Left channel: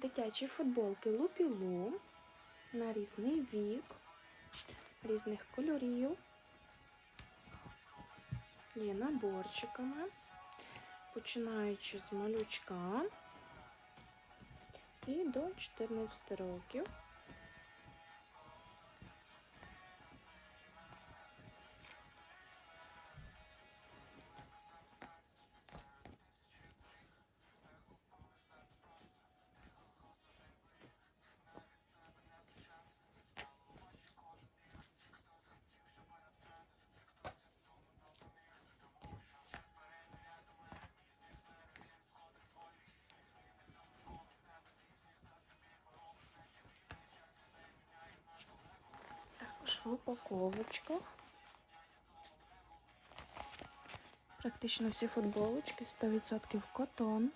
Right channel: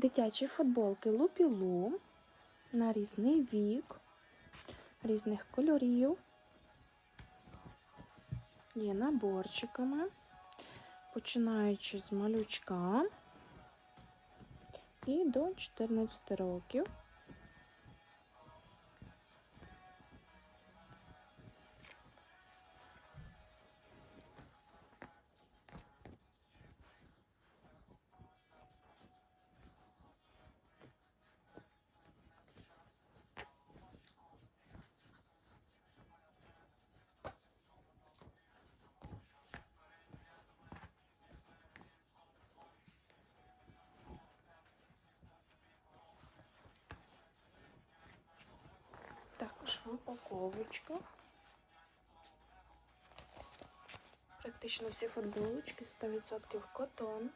Дитячі футболки Лупілу на різний вік, різних кольорів. Є наборчиками, починаючи з малючка і до 14 років. Також упаковочка. Практично всі футболочки 100% котон.